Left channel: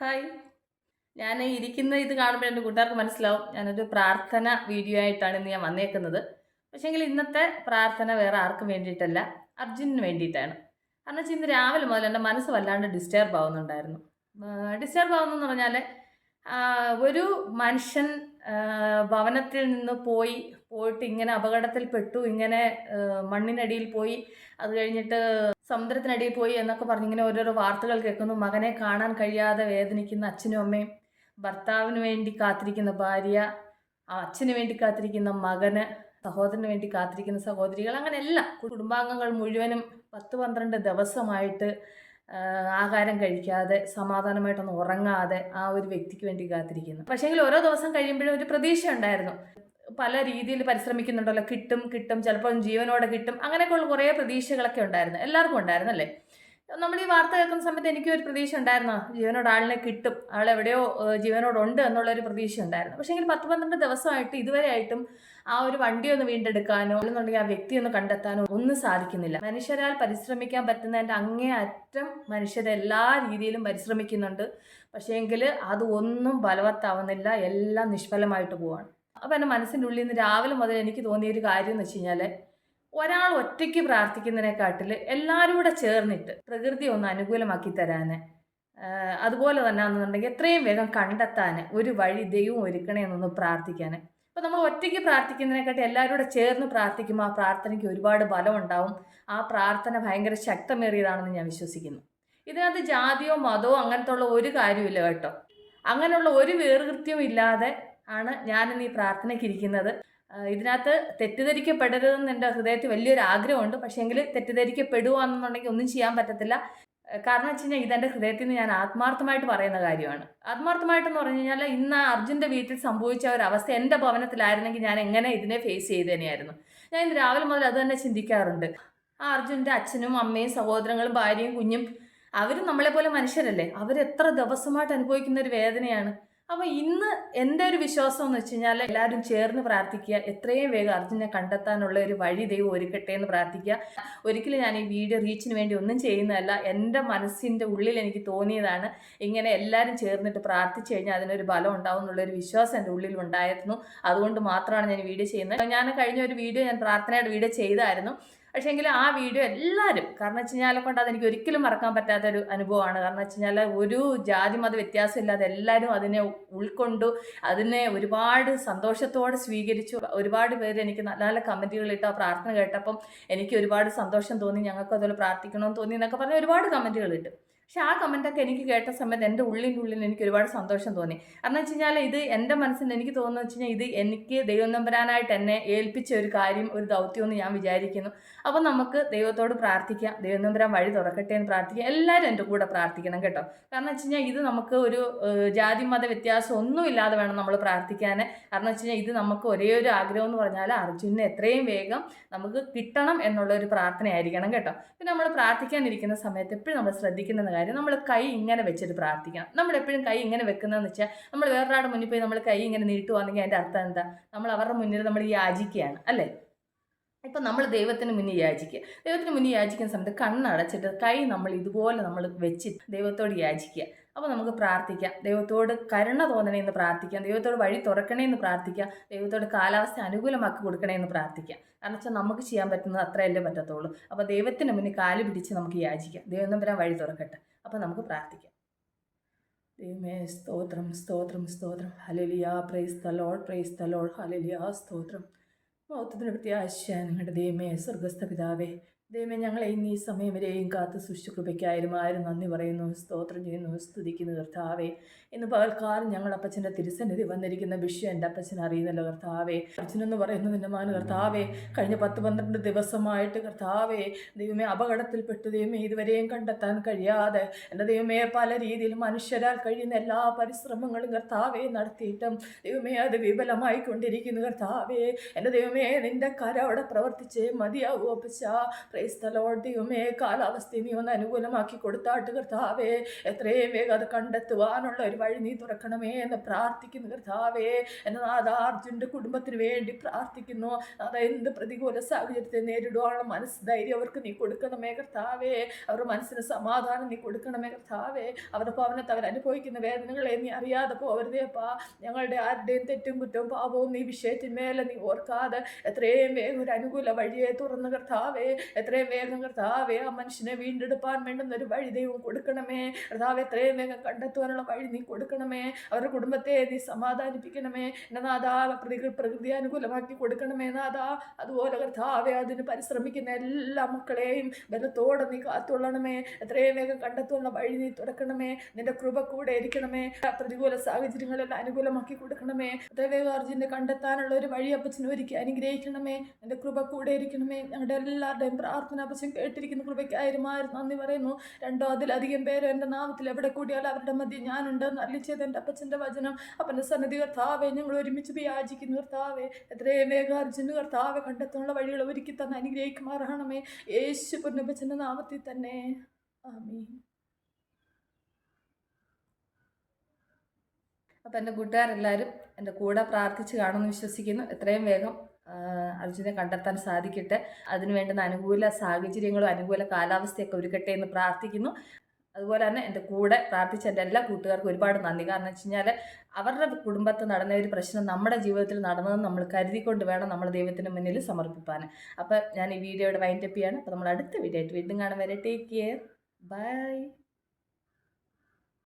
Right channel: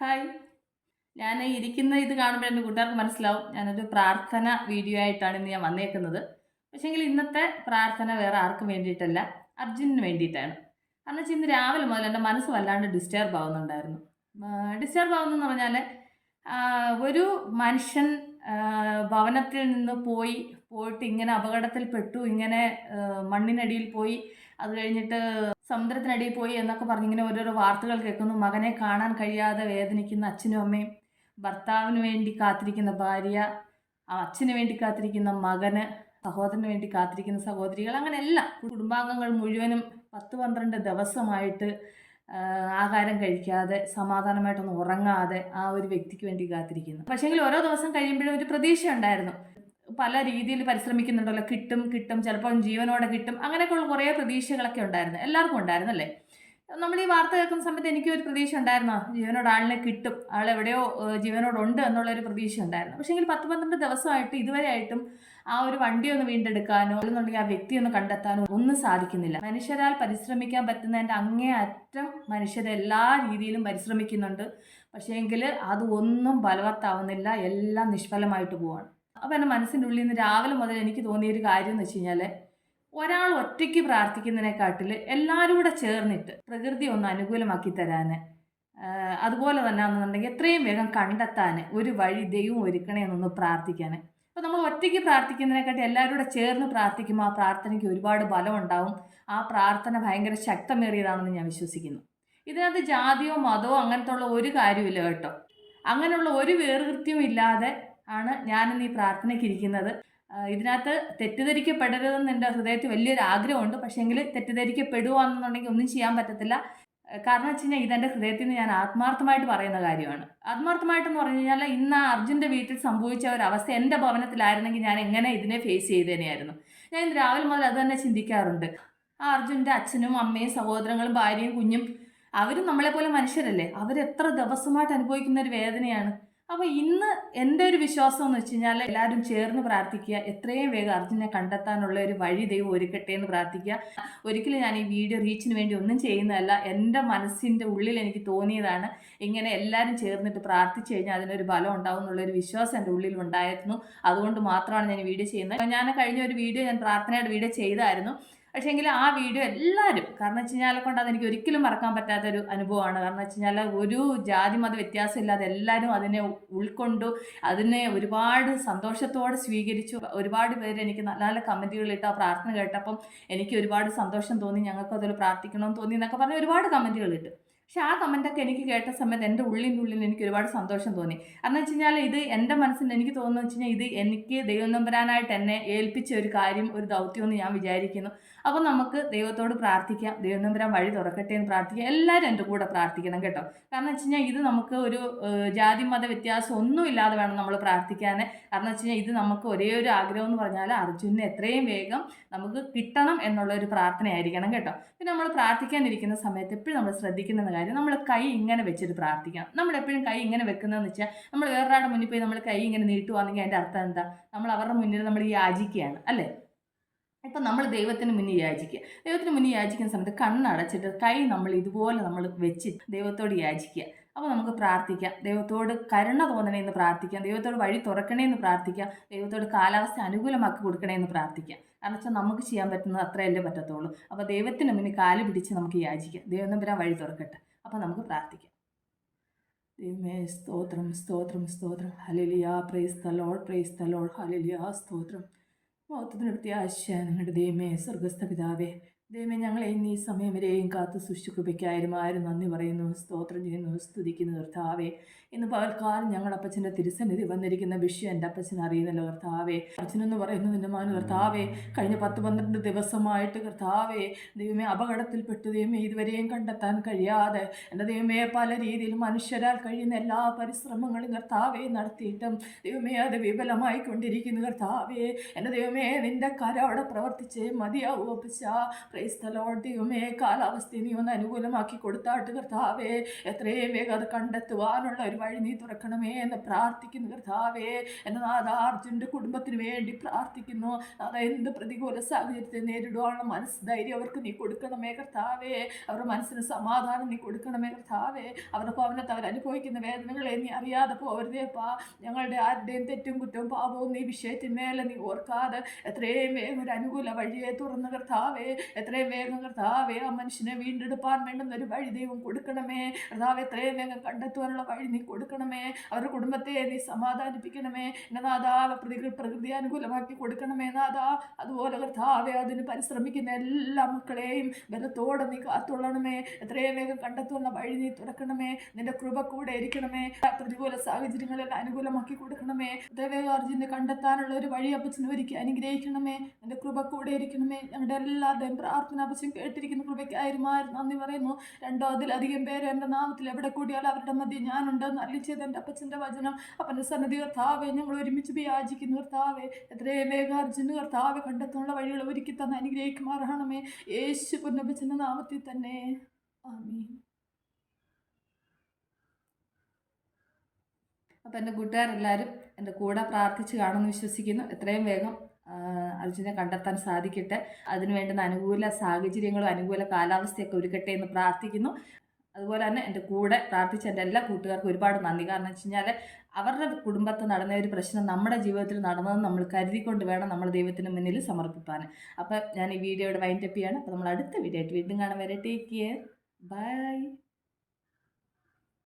Hi. ഞാൻ ഇരിക്കുന്ന ഇത് കാണുമ്പോൾ എന്റെ കൂട്ടുകാർക്ക് മനസ്സിലാവും. ഞാനൊരു പ്രാർത്ഥന വീഡിയോ ആയിട്ടാണ് ഇന്ന് ഞാൻ വന്നേക്കുന്നത്. പക്ഷേങ്കിൽ ഇന്നത്തെ പ്രാർത്ഥന വേറെ ആർക്കും വേണ്ടിയിട്ടല്ല അർജുനന് വേണ്ടിയിട്ടാണ്. കാരണം വെച്ചാൽ ഇന്ന് രാവിലെ മുതൽ എന്റെ മനസ്സ് വല്ലാണ്ട് ഡിസ്റ്റർബ് ആവുന്നുണ്ടായിരുന്നു. ഡിസ്റ്റർബ് ആവുന്നെന്ന് പറഞ്ഞാൽ ഒരു മനുഷ്യൻ ഭവനത്തിൽ നിന്ന് പോയി പോയിട്ട് ഇങ്ങനെ അപകടത്തിൽപ്പെട്ടു ഇങ്ങനെ മണ്ണിനടിയിൽ പോയി. അത് കഴിഞ്ഞിട്ട് സമുദ്രത്തിനടിയിൽ പോയി എന്നൊക്കെ പറഞ്ഞ് ഇങ്ങനെ ഓരോരോ വാർത്തകൾ കേൾക്കുന്നു. മകനെ കാണാൻ കഴിയാതെ വേദനിക്കുന്ന അച്ഛനും അമ്മയും ഭർത്താവിന് വേണ്ടി കാത്തിരിക്കുന്ന ഭാര്യ അച്ഛന് വേണ്ടി കാത്തിരിക്കുന്ന മകന് സഹോദരന് വേണ്ടി കാത്തിരിക്കുന്ന സഹോദരികൾ അങ്ങനെ എല്ലാം കുടുംബാംഗങ്ങൾ മുഴുവനും പത്ത് പന്ത്രണ്ട് ദിവസമായിട്ട് ആഹാരം കഴിക്കാതെ സമാധാനമായിട്ടൊന്നും ഉറങ്ങാതെ ആ ഒരു വ്യക്തിക്ക് വേണ്ടി കാത്തിരിക്കുന്നു. പക്ഷേങ്കിൽ ഓരോ ദിവസം കഴിയുമ്പോഴും ഒരു പ്രതീക്ഷ ഉണ്ടായിരുന്നു. പല രീതിയിൽ പരിശ്രമിക്കുന്നുണ്ടല്ലോ. കിട്ടും കിട്ടും ചിലപ്പം ജീവനോടെ കിട്ടും. അങ്ങനെയൊക്കെയുള്ള കുറേ പ്രതീക്ഷകളൊക്കെ ഉണ്ടായിരുന്നു. എല്ലാവർക്കും ഉണ്ടായിരുന്നു അല്ലേ നമ്മൾ ഈ വാർത്ത കേൾക്കുന്ന സമയത്ത് എനിക്കൊരു പ്രതീക്ഷ ഉണ്ടായിരുന്നു. ജീവനോട് ആളിനെ കിട്ടും. ആൾ എവിടെയോ ജീവനോടുണ്ട് എന്നുള്ളൊരു പ്രതീക്ഷ ഉണ്ടായിരുന്നു. പക്ഷേ എങ്കിൽ പത്ത് പന്ത്രണ്ട് ദിവസമായിട്ട് ഇതുവരെ ആയിട്ടും ആ ഒരു വണ്ടി ഒന്ന് വീണ്ടെടുക്കാനോ അല്ലെന്നുണ്ടെങ്കിൽ ആ വ്യക്തി ഒന്ന് കണ്ടെത്താനോ ഒന്നും സാധിക്കുന്നില്ല. മനുഷ്യരാൽ പരിശ്രമിക്കാൻ പറ്റുന്നതിന്റെ അങ്ങേ അറ്റം മനുഷ്യരെല്ലാ രീതിയിലും പരിശ്രമിക്കുന്നുണ്ട്. പക്ഷേങ്കിൽ അത് ഒന്നും ബലവത്താവുന്നില്ല എല്ലാം നിഷ്ഫലമായിട്ട് പോവാണ്. അപ്പോൾ എന്റെ മനസ്സിന്റെ ഉള്ളിൽ നിന്ന് രാവിലെ മുതൽ എനിക്ക് തോന്നിയ ഒരു കാര്യം എന്ന് വെച്ച് കഴിഞ്ഞാൽ ഒരാൾ ഒറ്റയ്ക്ക് പ്രാർത്ഥിക്കുന്നതിനെക്കാട്ടിൽ എല്ലാവരും കൂടെ ചേർന്നിട്ട് പ്രകൃതി ഒന്ന് അനുകൂലമാക്കി തരാൻ അതുപോലെ തന്നെ എന്നുണ്ടെങ്കിൽ എത്രയും വേഗം കണ്ടെത്താൻ ഒരു വഴി ദൈവം ഒരുക്കണേ എന്നൊന്ന് പ്രാർത്ഥിക്കാൻ അപ്പോൾ നമ്മൾ ഒറ്റയ്ക്ക് പ്രാർത്ഥിക്കുന്നതിനെക്കാട്ടി എല്ലാവരും കൂടെ ചേർന്ന് പ്രാർത്ഥിക്കുമ്പോൾ ആ പ്രാർത്ഥനയ്ക്ക് ഒരുപാട് ബലം ഉണ്ടാവും ആ പ്രാർത്ഥന ഭയങ്കര ശക്തമേറിയതാണെന്ന് ഞാൻ വിശ്വസിക്കുന്നു. ഇതിനകത്ത് ജാതിയോ മതമോ അങ്ങനത്തെ ഉള്ള ഒരു കാര്യമില്ല കേട്ടോ. അങ്ങനെയുള്ള ഒരു വേർകൃത്യവും ഇല്ലാതെ ആണ് ഞാനിന്ന് ഈ പ്രാർത്ഥനയ്ക്ക് ഇരിക്കുന്നത്. ഇതിനകത്ത് തെറ്റിദ്ധരിക്കപ്പെടരുതെന്ന് എന്റെ ഹൃദയത്തിൽ വലിയൊരു ആഗ്രഹമുണ്ട്. പക്ഷേങ്കിൽ തെറ്റിദ്ധരിക്കപ്പെടുകയാണെന്നുണ്ടെങ്കിൽ ഒന്നും ചെയ്യാൻ പറ്റത്തില്ല. കാരണം വെച്ച് കഴിഞ്ഞാൽ ഇതെന്റെ ഹൃദയത്തിൽ നിന്ന് ഞാൻ ആത്മാർത്ഥമായിട്ട് പറയുന്ന കാര്യമാണ്. ആത്മാർത്ഥമായിട്ടെന്ന് പറഞ്ഞു കഴിഞ്ഞാൽ ഇന്ന് ആ അർജുന്റെ വീട്ടിൽ സംഭവിച്ച ഒരു അവസ്ഥ എന്റെ ഭവനത്തിലായിരുന്നെങ്കിൽ ഞാൻ എങ്ങനെ ഇതിനെ ഫേസ് ചെയ്തേനെയായിരുന്നു. ഞാൻ ഇന്ന് രാവിലെ മുതൽ അത് തന്നെ ചിന്തിക്കാറുണ്ട്. ആ അർജുന്റെ അച്ഛനും അമ്മയും സഹോദരങ്ങളും ഭാര്യയും കുഞ്ഞും അവരും നമ്മളെപ്പോലെ മനുഷ്യരല്ലേ? അവരെത്ര ദിവസമായിട്ട് അനുഭവിക്കുന്ന ഒരു വേദനയാണ്. അപ്പോൾ ഇന്ന് എന്റെ ഒരു വിശ്വാസം എന്ന് വെച്ച് കഴിഞ്ഞാൽ എല്ലാവരും ചേർന്ന് പ്രാർത്ഥിക്കുക. എത്രയും വേഗം അർജുനെ കണ്ടെത്താനുള്ള ഒരു വഴി ദൈവം ഒരുക്കട്ടെ എന്ന് പ്രാർത്ഥിക്കുക. ഒരിക്കലും ഞാൻ ഈ വീഡിയോ റീച്ചിന് വേണ്ടി ഒന്നും ചെയ്യുന്നതല്ല. എന്റെ മനസ്സിന്റെ ഉള്ളിൽ എനിക്ക് തോന്നിയതാണ് ഇങ്ങനെ എല്ലാവരും ചേർന്നിട്ട് പ്രാർത്ഥിച്ചു കഴിഞ്ഞാൽ അതിനൊരു ബലം ഉണ്ടാവും എന്നുള്ളൊരു വിശ്വാസം എന്റെ ഉള്ളിൽ ഉണ്ടായിരുന്നു. അതുകൊണ്ട് മാത്രമാണ് ഞാൻ വീഡിയോ ചെയ്യുന്നത്. ഞാൻ കഴിഞ്ഞ ഒരു വീഡിയോ ഞാൻ പ്രാർത്ഥനയുടെ വീഡിയോ ചെയ്തായിരുന്നു. പക്ഷേങ്കിൽ ആ വീഡിയോ എല്ലാവരും കാരണം വെച്ച് കഴിഞ്ഞാൽ കൊണ്ട് അതെനിക്ക് ഒരിക്കലും മറക്കാൻ പറ്റാത്തൊരു അനുഭവമാണ്. കാരണം വെച്ച് കഴിഞ്ഞാൽ ഒരു ജാതി മത വ്യത്യാസമില്ലാതെ എല്ലാവരും അതിനെ ഉൾക്കൊണ്ടു അതിനെ ഒരുപാട് സന്തോഷത്തോടെ സ്വീകരിച്ചു. ഒരുപാട് പേര് എനിക്ക് നല്ല നല്ല കമന്റുകൾ ഇട്ട് ആ പ്രാർത്ഥന കേട്ടപ്പം എനിക്ക് ഒരുപാട് സന്തോഷം തോന്നി ഞങ്ങൾക്ക് അതുപോലെ പ്രാർത്ഥിക്കണമെന്ന് തോന്നി എന്നൊക്കെ പറഞ്ഞ് ഒരുപാട് കമന്റുകൾ ഇട്ട്. പക്ഷേ ആ കമന്റൊക്കെ എനിക്ക് കേട്ട സമയത്ത് എന്റെ ഉള്ളിന്റെ ഉള്ളിൽ എനിക്ക് ഒരുപാട് സന്തോഷം തോന്നി. കാരണം വെച്ച് കഴിഞ്ഞാൽ ഇത് എന്റെ മനസ്സിൽ എനിക്ക് തോന്നുന്നു വെച്ച് കഴിഞ്ഞാൽ ഇത് എനിക്ക് ദൈവം നമ്പരാനായിട്ട് എന്നെ ഏൽപ്പിച്ച ഒരു കാര്യം ഒരു ദൗത്യമെന്ന് ഞാൻ വിചാരിക്കുന്നു. അപ്പോൾ നമുക്ക് ദൈവത്തോട് പ്രാർത്ഥിക്കാം. ദൈവനന്തരം വഴി തുറക്കട്ടെ എന്ന് പ്രാർത്ഥിക്കാം. എല്ലാവരും എന്റെ കൂടെ പ്രാർത്ഥിക്കണം കേട്ടോ. കാരണം വെച്ച് കഴിഞ്ഞാൽ ഇത് നമുക്ക് ഒരു ജാതി മത വ്യത്യാസം ഒന്നും ഇല്ലാതെ വേണം നമ്മൾ പ്രാർത്ഥിക്കാൻ. കാരണം വെച്ച് കഴിഞ്ഞാൽ ഇത് നമുക്ക് ഒരേ ഒരു ആഗ്രഹം എന്ന് പറഞ്ഞാൽ അർജുനെ എത്രയും വേഗം നമുക്ക് കിട്ടണം എന്നുള്ള ഒരു പ്രാർത്ഥനയായിരിക്കണം കേട്ടോ. പിന്നെ നമ്മൾ പ്രാർത്ഥിക്കാനിരിക്കുന്ന സമയത്ത് എപ്പോഴും നമ്മൾ ശ്രദ്ധിക്കുന്ന കാര്യം നമ്മൾ കൈ ഇങ്ങനെ വെച്ചിട്ട് പ്രാർത്ഥിക്കണം. നമ്മൾ എപ്പോഴും കൈ ഇങ്ങനെ വെക്കുന്നതെന്ന് വെച്ചാൽ നമ്മൾ വേറൊരാളുടെ മുന്നിൽ പോയി നമ്മൾ കൈ ഇങ്ങനെ നീട്ടുവാണെങ്കിൽ അതിന്റെ അർത്ഥം എന്താ? നമ്മൾ അവരുടെ മുന്നിൽ നമ്മൾ യാചിക്കുകയാണ്. അല്ലേ? ഇപ്പം നമ്മൾ ദൈവത്തിന് മുന്നിൽ യാചിക്കുക. ദൈവത്തിന് മുന്നിൽ യാചിക്കുന്ന സമയത്ത് കണ്ണടച്ചിട്ട് കൈ നമ്മൾ ഇതുപോലെ നമ്മൾ വെച്ച് ദൈവത്തോട് യാചിക്കുക. അപ്പോൾ നമുക്ക് പ്രാർത്ഥിക്കാം. ദൈവത്തോട് കരുണ തോന്നണേ എന്ന് പ്രാർത്ഥിക്കാം. ദൈവത്തോട് വഴി തുറക്കണേ എന്ന് പ്രാർത്ഥിക്കാം. ദൈവത്തോട് കാലാവസ്ഥ അനുകൂലമാക്കി കൊടുക്കണേ എന്ന് പ്രാർത്ഥിക്കാം. കാരണം വെച്ചാൽ നമുക്ക് ചെയ്യാൻ പറ്റുന്നത് അത്രയല്ലേ പറ്റത്തുള്ളൂ. അപ്പോൾ ദൈവത്തിന് മുന്നിൽ കാൽ പിടിച്ച് നമുക്ക് യാചിക്കാം. ദൈവം നമ്പരാൻ വഴി തുറക്കട്ടെ. അപ്പോൾ നമുക്ക് പ്രാർത്ഥിക്കാം. ദൈവമേ സ്തോത്രം സ്തോത്രം സ്തോത്രം. ഹലലിയ പ്രൈസ് തലോൾ പ്രൈസ് തലോൾ ഹലലിയ സ്തോത്രം. മൗത്തത്തിന് പ്രത്യാശ ഞങ്ങളുടെ ദൈവമേ സ്വർഗസ്ഥ പിതാവേ ദൈവമേ ഞങ്ങളെ ഇന്ന് ഈ സമയം വരെയും കാത്ത് സൂക്ഷിച്ചു കൃപയ്ക്കായാലും ആരും നന്ദി പറയുന്നു സ്തോത്രം ചെയ്യുന്നു സ്തുതിക്കുന്നു കർത്താവേ. ഇന്ന് പകൽക്കാലം ഞങ്ങളുടെ അപ്പച്ചന്റെ തിരുസന്നിധി വന്നിരിക്കുന്ന വിഷയം എന്റെ അപ്പച്ചൻ അറിയുന്നല്ലോ കർത്താവേ. അച്ഛനെന്ന് പറയുന്നത് എന്റെ മാന് കർത്താവേ കഴിഞ്ഞ പത്ത് പന്ത്രണ്ട് ദിവസമായിട്ട് കർത്താവേ ദൈവമേ അപകടത്തിൽപ്പെട്ടു ദൈവമേ ഇതുവരെയും കണ്ടെത്താൻ കഴിയാതെ എന്റെ ദൈവമേ പല രീതിയിൽ മനുഷ്യരാൽ കഴിയുന്ന എല്ലാ പരിശ്രമങ്ങളും കർത്താവേ നടത്തിയിട്ടും ദൈവമേ അത് വിപുലമായി കൊണ്ടിരിക്കുന്നു കർത്താവേ. എന്റെ ദൈവമേ നിന്റെ കര അവിടെ പ്രവർത്തിച്ചേ മതിയാവൂ അപ്പച്ച. ക്രൈസ്തലോട് ദൈവമേ കാലാവസ്ഥ നീ ഒന്ന് അനുകൂലമാക്കി കൊടുത്താട്ട് കർത്താവേ. എത്രയും വേഗം അത് കണ്ടെത്തുവാനുള്ള ഒരു വഴി നീ തുറക്കണമേ എന്ന് പ്രാർത്ഥിക്കുന്നു കർത്താവേ. എന്റെ നാഥ അർജുന്റെ കുടുംബത്തിന് വേണ്ടി പ്രാർത്ഥിക്കുന്നു. അത് എന്ത് പ്രതികൂല സാഹചര്യത്തെ നേരിടുവാനുള്ള മനസ്സ് ധൈര്യം അവർക്ക് നീ കൊടുക്കണമേ കർത്താവേ. അവരുടെ മനസ്സിന് സമാധാനം നീ കൊടുക്കണമേ കർത്താവേ. അവരുടെ ഭവനത്തെ അവർ അനുഭവിക്കുന്ന വേദനകളെ നീ അറിയാതെ പോകരുതേപ്പാ ഞങ്ങളുടെ ആരുടെയും തെറ്റും കുറ്റവും പാപവും നീ വിഷയത്തിന്മേലെ നീ ഓർക്കാതെ എത്രയും വേഗം ഒരു അനുകൂല വഴിയെ തുറന്ന് കർത്താവേ. എത്രയും വേഗം കർത്താവേ ആ മനുഷ്യനെ വീണ്ടെടുപ്പാൻ വേണ്ടുന്ന ഒരു വഴി ദൈവം കൊടുക്കണമേ. കർത്താവ് എത്രയും വേഗം കണ്ടെത്തുവാനുള്ള വഴി നീ കൊടുക്കണമേ. അവരുടെ കുടുംബത്തെ നീ സമാധാനിപ്പിക്കണമേ. എന്റെ നാഥ പ്രകൃതി പ്രകൃതി അനുകൂലമാക്കി കൊടുക്കണമേ നാഥാ. അതുപോലെ കർത്താവെ അതിന് പരിശ്രമിക്കുന്ന എല്ലാ മക്കളെയും ബലത്തോടെ നീ കാത്തുള്ളണമേ എത്രയും വേഗം കണ്ടെത്തുന്ന വഴി നീ തുറക്കണമേ. നിന്റെ കൃപ കൂടെ ഇരിക്കണമേ. പ്രതികൂല സാഹചര്യങ്ങളെല്ലാം അനുകൂലമാക്കി കൊടുക്കണമേ. ദേവേകാർജുനെ കണ്ടെത്താനുള്ള ഒരു വഴി അപ്പച്ചനെ ഒരുക്കി അനുഗ്രഹിക്കണമേ. നിന്റെ കൃപ കൂടെ ഇരിക്കണമേ. ഞങ്ങളുടെ എല്ലാവരുടെയും പ്രാർത്ഥന അപ്പച്ചൻ കേട്ടിരിക്കുന്ന. കൃപയ്ക്കായിരുന്നു നന്ദി പറയുന്നു. രണ്ടോ അതിലധികം പേര് എന്റെ നാമത്തിൽ എവിടെ കൂടിയാലും അവരുടെ മധ്യ ഞാനുണ്ടെന്ന് അറിയിച്ചത് എന്റെ അപ്പച്ചന്റെ വചനം. അപ്പന്റെ സന്നദ്ധി കർത്താവെ ഞങ്ങൾ ഒരുമിച്ച് വിയാചിക്കുന്നു കർത്താവെ. എത്രയും വേഗാർജുന് കർത്താവെ കണ്ടെത്താനുള്ള വഴികൾ ഒരുക്കി തന്നെ അനുഗ്രഹിക്കുമാറാണമേ. യേശു പൊന്നപ്പച്ചന്റെ നാമത്തിൽ തന്നെ. ആമീ അപ്പം എന്റെ കൂട്ടുകാരെല്ലാവരും എന്റെ കൂടെ പ്രാർത്ഥിച്ച് കാണുമെന്ന് വിശ്വസിക്കുന്നു. എത്രയും വേഗം അർജുനെ കണ്ടെത്താൻ സാധിക്കട്ടെ. അതിന് വേണ്ടുന്ന അനുകൂല സാഹചര്യങ്ങളും അനുകൂല കാലാവസ്ഥയൊക്കെ ഒരുക്കട്ടെ എന്ന് പ്രാർത്ഥിക്കുന്നു. അതുപോലെ തന്നെ എന്റെ കൂടെ പ്രാർത്ഥിച്ച എന്റെ എല്ലാ കൂട്ടുകാർക്കും ഒരുപാട് നന്ദി. കാരണം വെച്ച് കഴിഞ്ഞാൽ അവരുടെ കുടുംബത്തിൽ നടന്ന ഒരു പ്രശ്നം നമ്മുടെ ജീവിതത്തിൽ നടന്നതെന്ന് നമ്മൾ കരുതിക്കൊണ്ട് വേണം നമ്മൾ ദൈവത്തിന് മുന്നിൽ സമർപ്പിക്കാൻ അപ്പോൾ ഞാൻ ഈ വീഡിയോയുടെ വൈൻഡപ്പ് ചെയ്യാണ് അപ്പോൾ നമ്മൾ അടുത്ത വീഡിയോ ആയിട്ട് വീണ്ടും കാണാൻ വരെ ടേക്ക് കെയർ ബൈ